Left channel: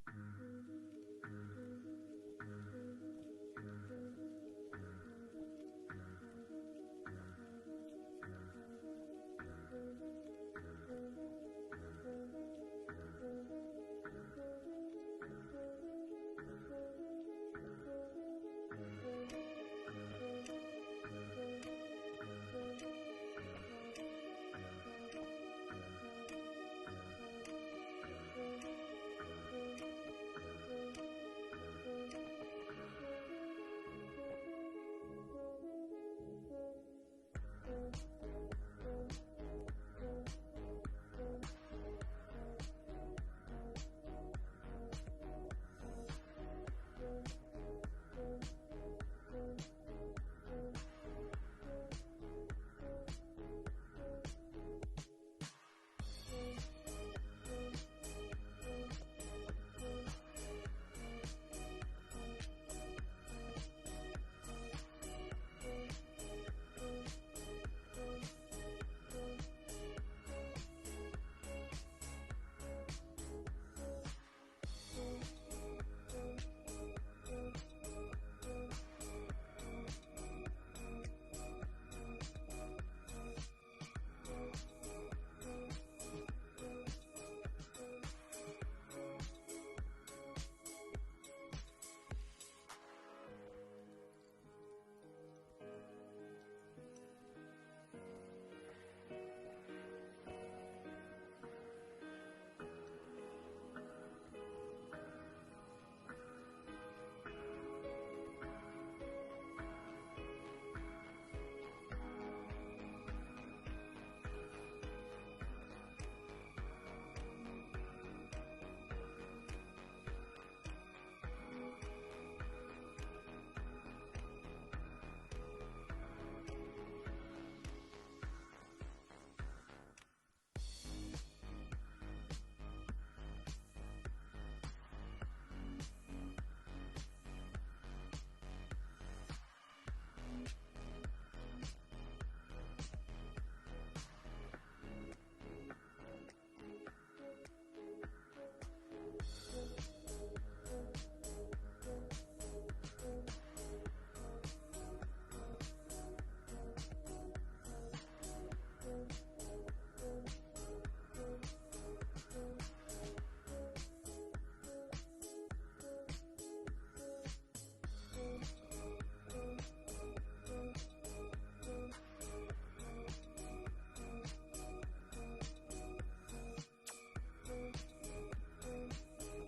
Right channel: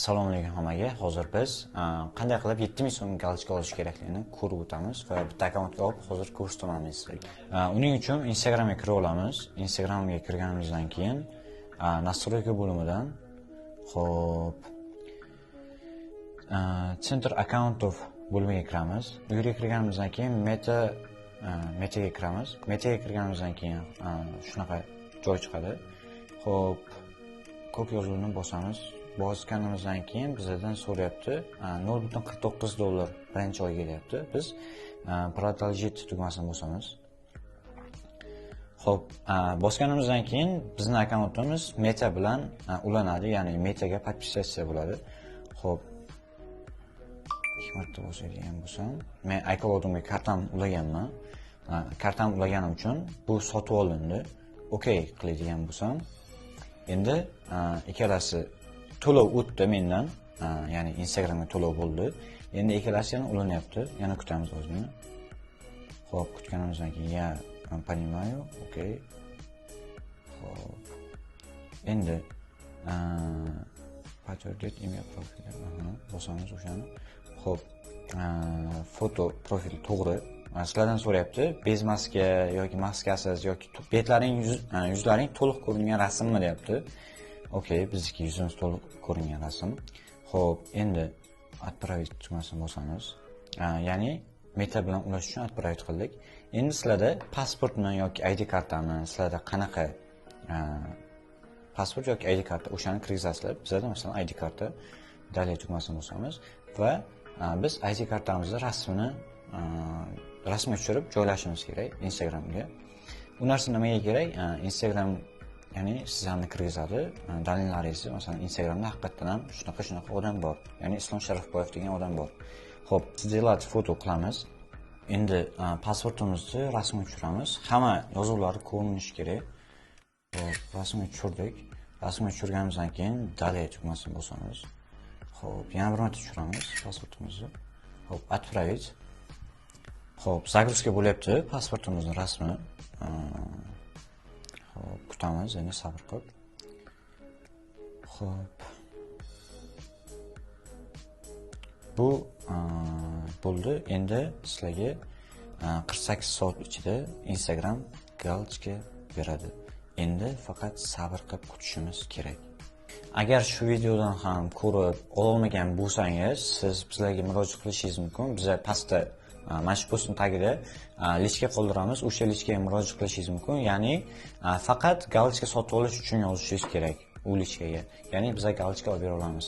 Assalomu alaykum hammaga. Hozir biz qanday qilib 7000 so'm galochka olish kerakligini ko'rib o'tamiz va bitta akkauntga olib hozir ko'rsataman sizlarga. Uning uchun Instagramga kirib olamiz. Instagramga kirganimizdan keyin настройка bo'limidan Center accountов bo'limiga kiramiz. Bu yerga kirganimizdan keyin metaga kiramiz. Metaga kirganimizdan keyin shunaqa joy chiqadi. Xo'p, ko'k yozuvni bosamiz. Bosganimizdan keyin bizdan so'rayapti $0.49 birinchi oyga kelyapti. Biz продолжить tugmasini bosamiz. Xo'p, bosganimizdan keyin bizning akkauntimiz Meta bilan ulanadi, ya'ni Metaga подписаться bo'ladi. Xo'p, ikki marta bosadigan bo'lsam, men iCloud'imga kartam ulaganman. Kartam ulaganim uchun bu sotib olindi. Okey qiladigan bo'lsam, endi ikkalasi to'lov o'tdi mendan, ya'ni Instagramga to'lov bo'ldi. Endi ikkalasi yana ulanyapti. Yana kutamiz o'zini. Xo'p, kutganimizdan keyin ya понимаю, okey. Xo'p. Endi подтвердить имя профиля. Bosamiz o'shani. Xo'p, foto profil to'g'ri. Sizlardan so'rayapti, bez maska yoki maskasiz yoki betlaring, yuzlaring to'liq ko'ringan rasmmi deyapti. Okey, bizniki yuzimiz to'liq ko'ringan rasm. Xo'p, endi отправить tugmasini bosamiz. Ya'ni Meta bilan ulash uchun отправить qildik. Endi sizlarda pasportmi yoki ID kartami, sizlarda qanaqa pasport yoki ID karta o'shani kirgizasizlar. Bizda masalan ID karta, dalil tugmasini bosamiz va biz ID kartamizning rasmini tushirib joylashimiz kerak Instagramga. Bu narsa nimaga kerak? Instagram ya'ni sizlarni kirgizadi, dalillaringizni, masalan Instagramda haqiqatan ham shunaqa odam bor. Ya'ni Islom Sharifboyev degan odam bor. Xo'p, сделать foto qilamiz. Endi pasportimizni rasmini tushiramiz. Hamma yozuvlari ko'rinishi kerak. Xo'p, rasmini tushirdik. Rasmini tushirganimizdan keyin dalil tugmasini bosamiz. Xo'p, yana bir marta tushiramiz pasportimizni. Xo'p, отправить. Xo'p, загрузка bo'lyapti pasportimizning rasmi. Xo'p, kutamiz, endi sabr qilib. Xo'p. Bu bo'ldi. Endi sizlarga 48 soat ichida Instagram galochka beradi. Endi faqat sabr qilib kutishimiz kerak. Agar shu videodan ham ko'rib ololmagan bo'lsangiz, siz bizlarga murojaat qilishingiz mumkin. Biz pastda mana shu postning tagida lichka qoldiramiz. O'sha lichkaga murojaat qilishingiz mumkin. Ya'ni faqat galochka sotib olish uchun yozishingiz kerak u lichkaga. Ya'ni biz galochka olib bera olamiz.